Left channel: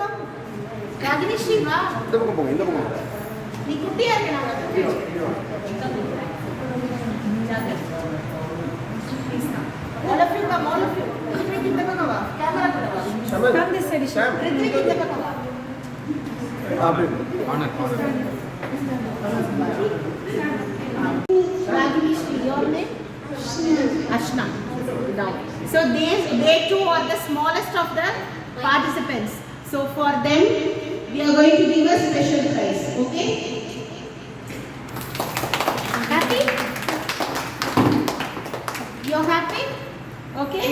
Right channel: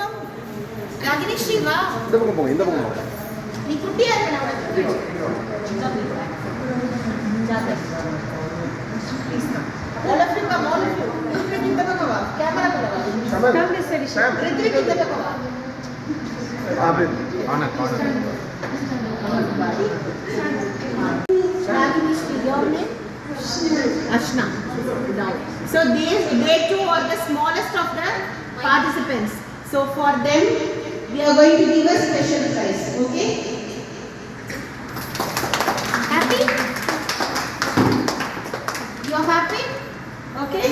கம் ராகினி ஸ்ரீ வா இந்த பக்கம் போங்க இந்த பக்கம் நீ குட்டியா இருக்க நான் जाके प्लीज ना all of you come all of you Ritwik इंद का कवा कैमरा पे लगा कम दिस साइड ऋत्विक इंद का कवा आप आना Ragini Sri, your name? Ashna. Now, so they two are the smallest of the participants. So for them, we are going to give a special prize. Okay? Happy? You're happy? Okay?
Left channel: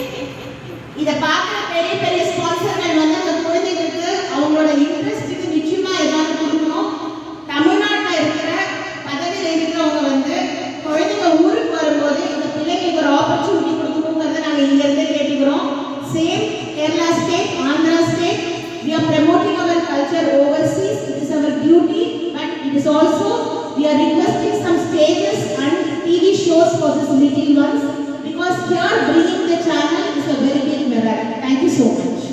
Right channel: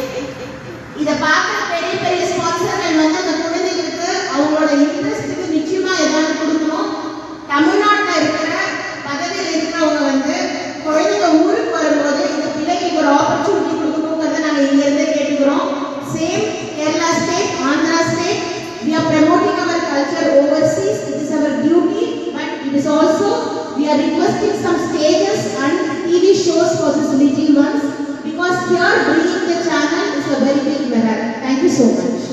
இத பார்க்குற பெரிய பெரிய ஸ்பான்சர்கள் வந்து அந்த குழந்தைகளுக்கு அவங்களோட இன்ட்ரெஸ்ட்டுக்கு நிச்சயமா ஏதாவது கொடுக்கணும். தமிழ்நாட்டில் இருக்கிற பதவியில் இருக்கிறவங்க வந்து குழந்தைங்க ஊருக்கு வரும்போது இந்த பிள்ளைங்களுக்கு ஒரு ஆப்பர்ச்சுனிட்டி கொடுக்கணுங்கிறத நாங்கள் இங்கிருந்து கேட்டுக்கிறோம். சேம் கேரளா ஸ்டேட், Andhra state, we are promoting our culture overseas. It is our duty, but it is also we are requesting some stages and TV shows for these little ones because here bringing the channel is a very big merit. Thank you so much.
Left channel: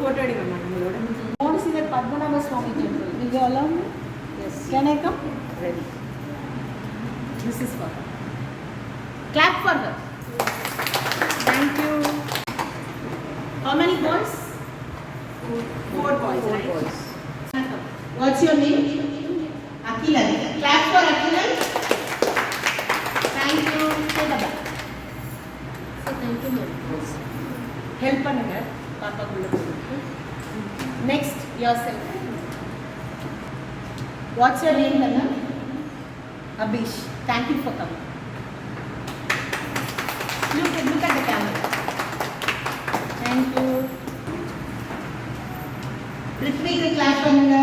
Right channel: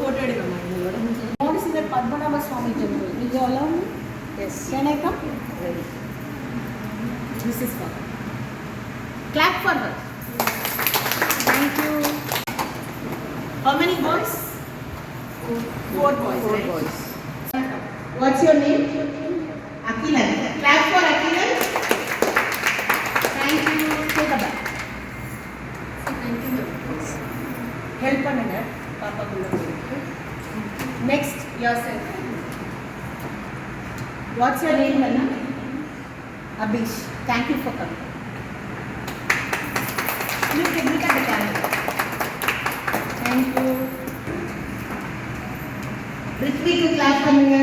Photo edikam nallada. I want to see that Padmanabha Swami temple. Will you allow me? Yes. Can I come? Ready. This is for her. Clap for her. Thank you. How many boys? 4 boys, right? What's your name? Akilan. Clap for Akilan. Thank you. Take a back. So thank you. Help பண்ணுங்க பாப்பா குள்ள போயிட்டு. Next yourself. What's your name, Lana? Abish. Thank you for coming. Look at the camera. Thank you. Ritwik clap பண்ணுங்க.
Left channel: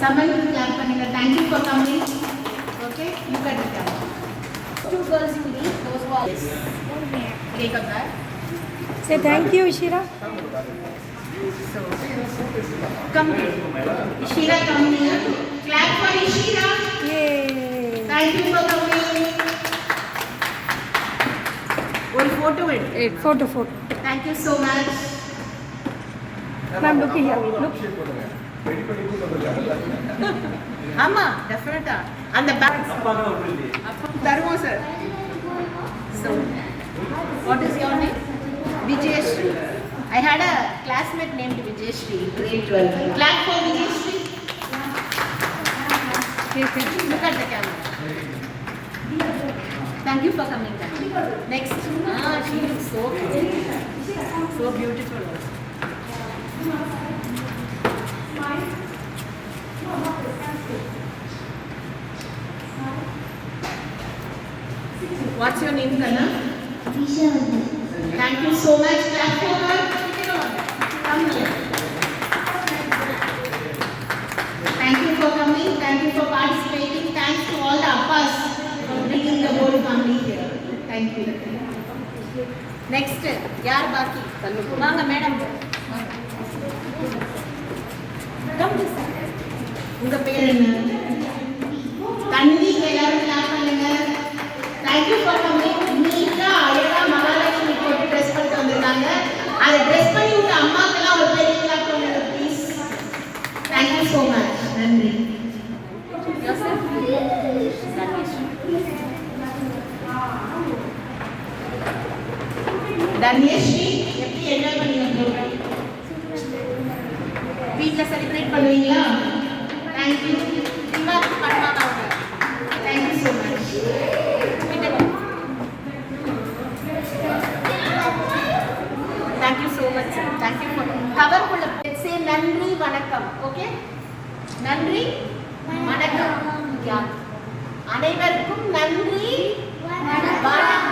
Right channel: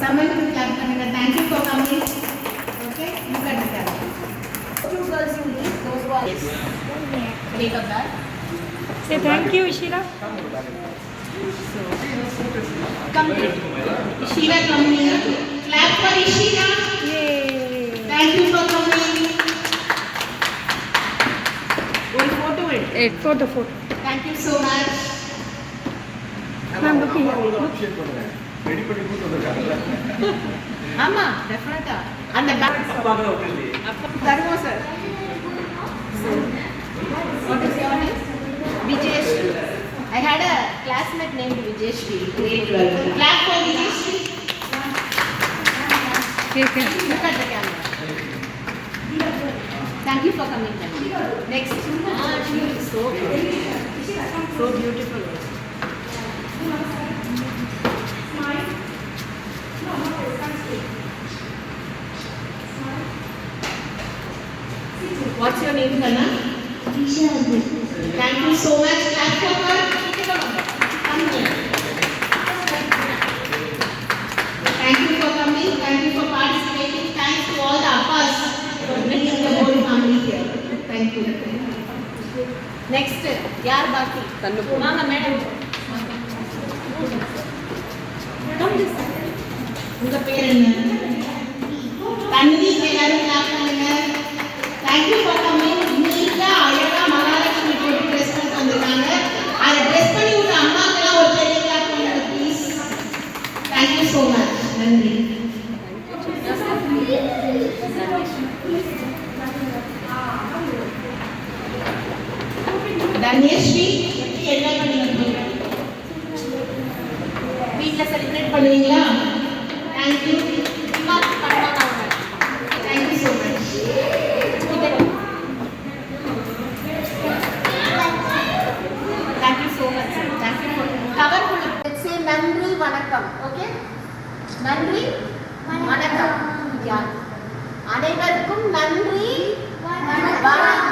Saman to clap பண்ணுங்க. Thank you for coming. Okay, look at the camera. 2 girls you lead, those who are yes. Take up that. Say thank you, Ishira. So, come here. Ishira, come here. Clap for Ishira. Yay. Thank you for coming. One photo with. Photo. Thank you so much. Ma'am, look here. Look. Ready பண்ணி கூட்டி வந்திருக்காங்கல்ல ஆமா டெஃபினட்டா அந்த பேக் அப்பாங்க அப்படி இல்லையே தருவோம் sir. So, what is your name? Vijayashree. I had a classmate named Vijayashree, grade 12. Clap for Vijayashree. Okay. Look at the camera. Thank you for coming. Next. She looks so beautiful. So beautiful. What's your name, Kana? Disha. Thank you so much. Clap for her. Come here. Thank you for coming. Thank you for participating. Thanks to all the appas for bringing the whole family here. Thank you. Next, yaar baki? Vaanga madam. Come this side. உங்க பேர் என்ன? தண்ணி எல்லாரும் clap பண்ணுங்க. Thank you for coming. நீட்டா அழகா மகாலட்சுமி போட்டு ட்ரெஸ் பண்ணிட்டு வந்திருக்காங்க. அதை ட்ரெஸ் பண்ணி விட்ட அம்மாக்கெல்லாம் ஒரு பெரிய கிளாப் பண்ணுங்க please. Thank you so much. நன்றி. தன்யஸ்ரீ எப்படி என்ஜாய் பண்ணி வந்தீங்க? வீட்டில் செலிப்ரேட் பண்ணுவீங்களா? Thank you. தீபாவளி பண்ணுவாங்க அவங்க. Thank you so much. Thank you so much, sir. Thank you for cover full. Let's say நன்றி வணக்கம். Okay? நன்றி வணக்கம். யார்? அனைவருக்கும் நன்றி வணக்கம்.